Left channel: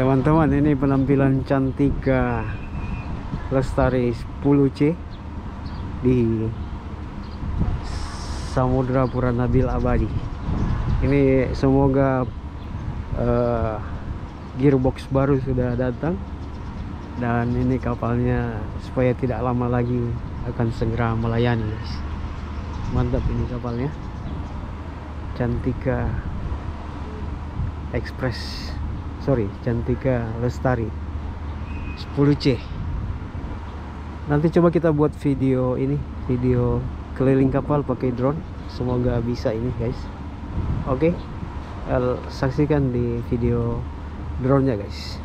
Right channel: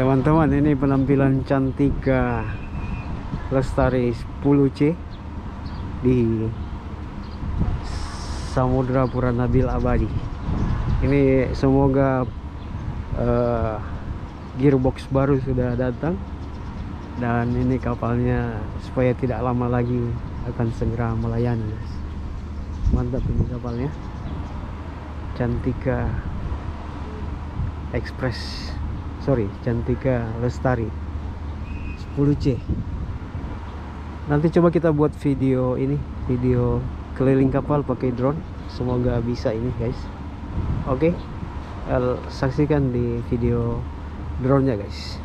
Teman-teman, ini penampilan Cantika Lestari 10C di Samudra Pura Nabil Abadi. Ini semoga gearbox baru sudah datang, dan ini kapalnya supaya tidak lama lagi akan segera melayani, guys. Mantap ini kapalnya, Cantika Cantika Lestari 10C. Nanti coba kita buat video keliling kapal pakai drone, semoga bisa ini, guys. Oke, saksikan di video drone-nya, guys.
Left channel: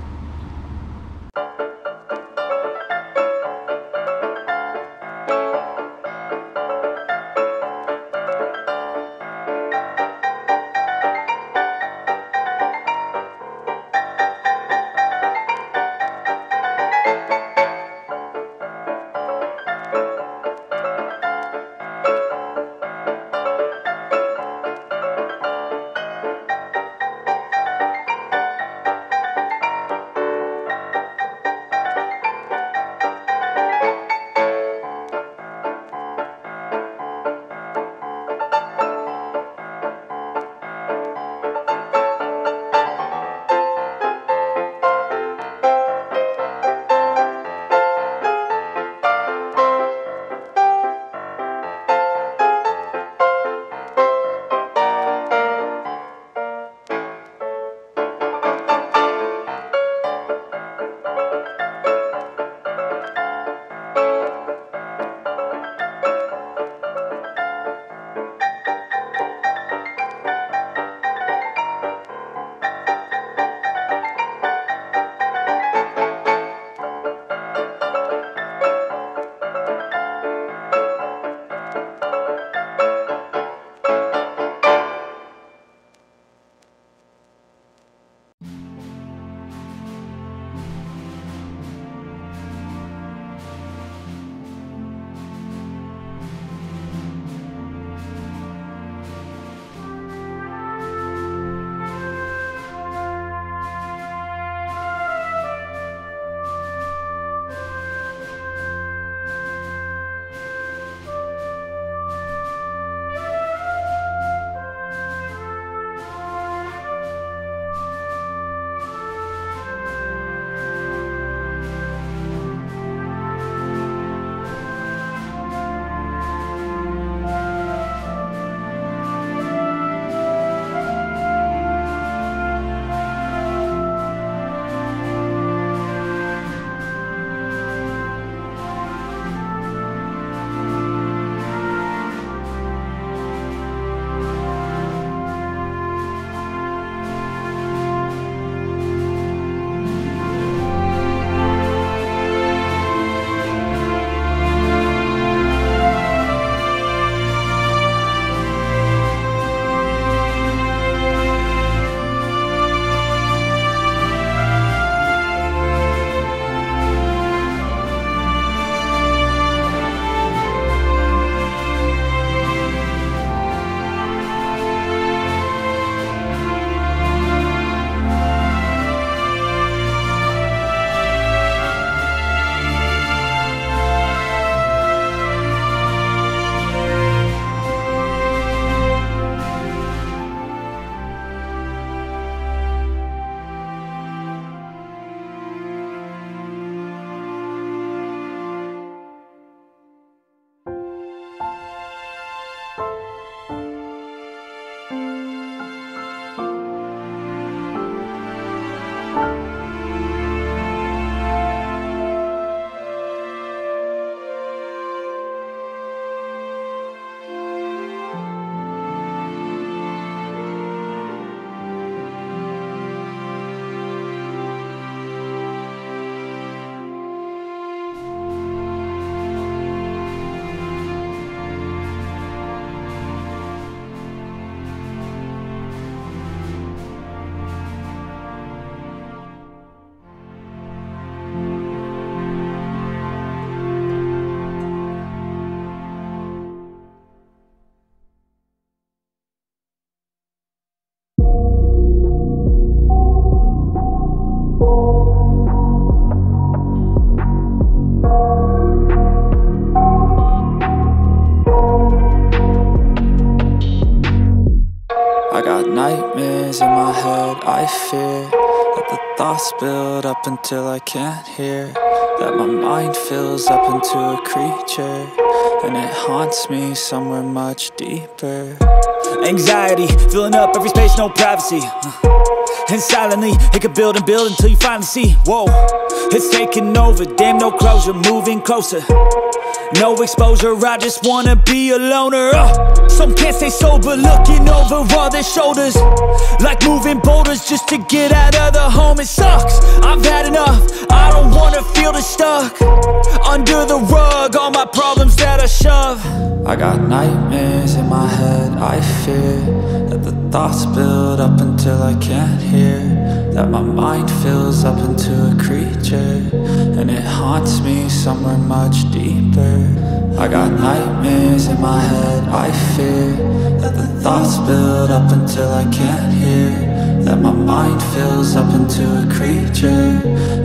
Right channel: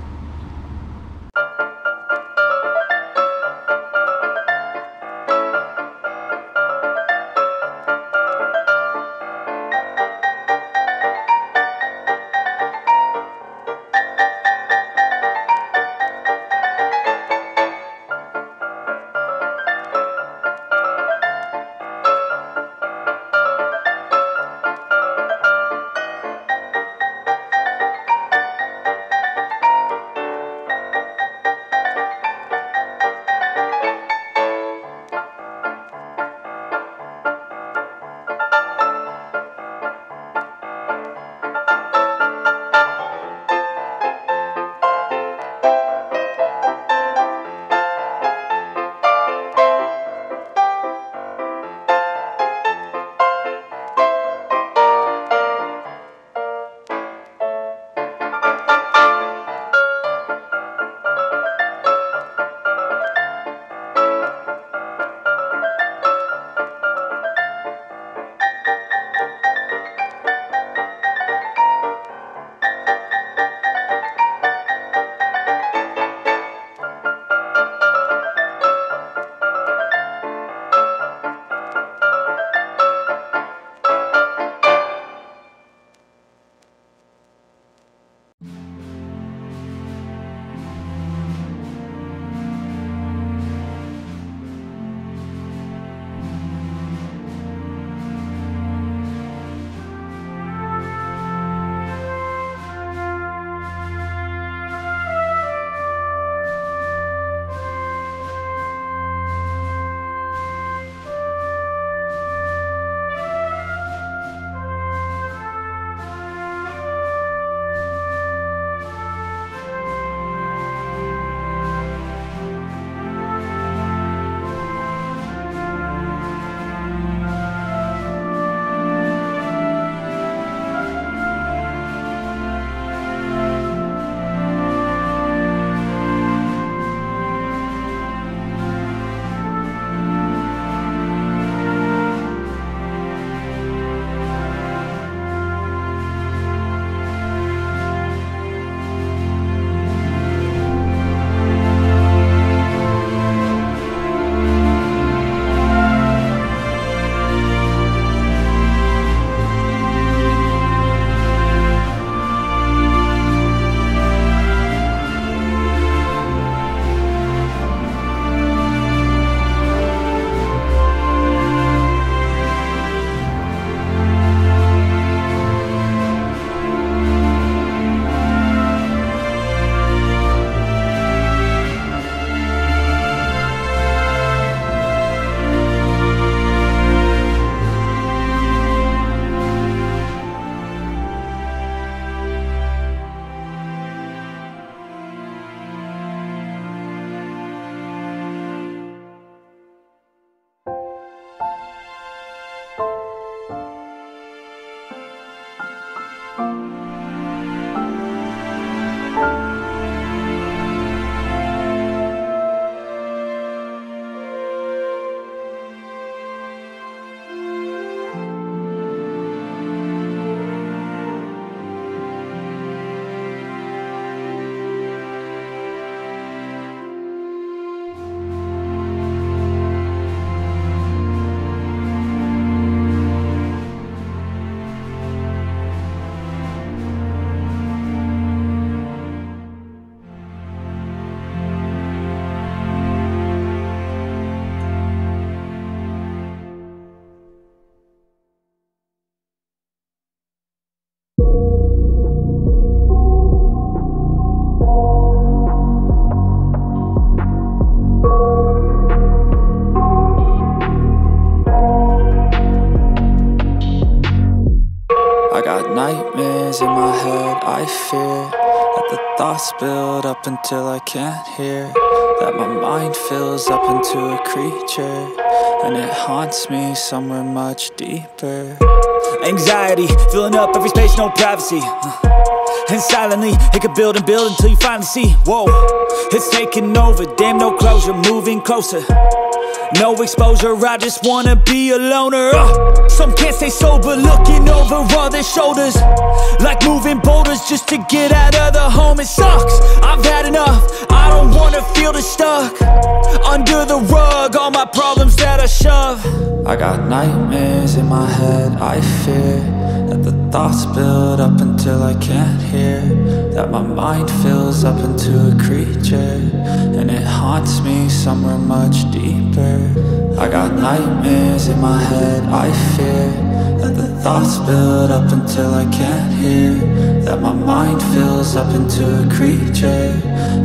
got nightmares in my head, I fear that the thoughts build up until I can't hear, that my mind fills up into a creature, and it haunts me somewhere much deeper. Anxiety, filling up every space, no privacy. And silently, it could build and build until you finally see, whoa, it's taking over, damn, no closure, moving closer. No exposure, I just wanna be a loner. Some can't stay sober, looking over all their shoulders, like moving boulders just to get out of the home. It sucks, I've had enough, I don't wanna feel the stuck under the rug, all my problems that I shove. I got nightmares in my head, I fear that the thoughts build up until I can't hear, that my mind fills up into a creature, and it haunts me somewhere much deeper. I got nightmares in my head, I fear that the thoughts build up until I can't hear, that my mind fills up into a creature,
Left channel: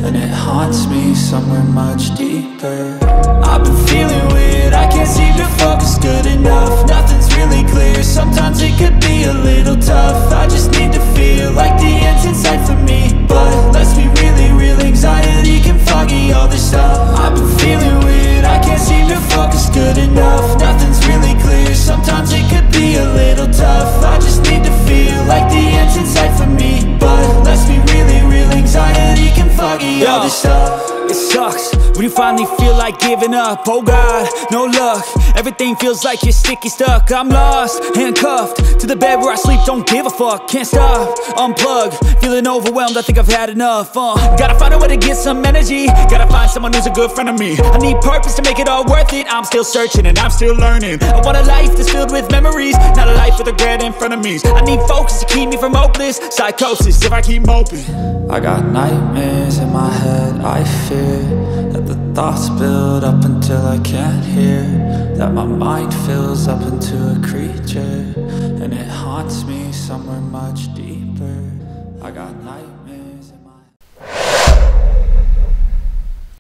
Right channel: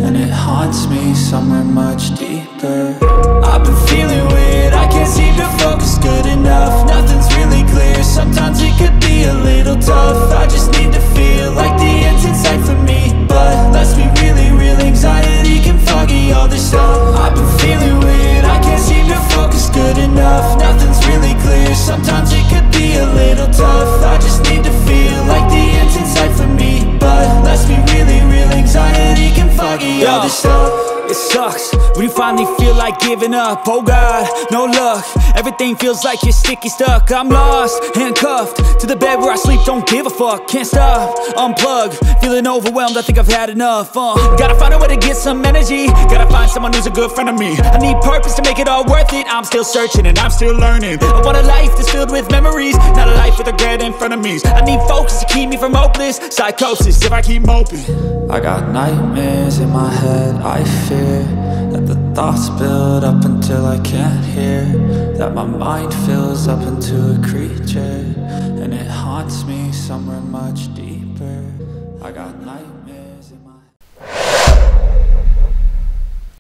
and it haunts me somewhere much deeper. I've been feeling weird, I can't seem to focus good enough, nothing's really clear, sometimes it could be a little tough. I just need to feel like the end's in sight for me, but let's be really real, anxiety can foggy all this stuff. I've been feeling weird, I can't seem to focus good enough, nothing's really clear, sometimes it could be a little tough. I just need to feel like the end's in sight for me, but let's be really real, anxiety can foggy all this stuff. It sucks when you finally feel like giving up. Oh God, no luck, everything feels like you're sticky stuck. I'm lost, handcuffed to the bed where I sleep, don't give a fuck. Can't stop, unplug, feeling overwhelmed, I think I've had enough. Gotta find a way to get some energy, gotta find someone who's a good friend of me. I need purpose to make it all worth it, I'm still searching and I'm still learning. I want a life that's filled with memories, not a life with regret in front of me. I need focus to keep me from hopeless psychosis if I keep moping. I got nightmares in my head, I fear that the thoughts build up until I can't hear, that my mind fills up into a creature, and it haunts me somewhere much deeper. I got nightmares.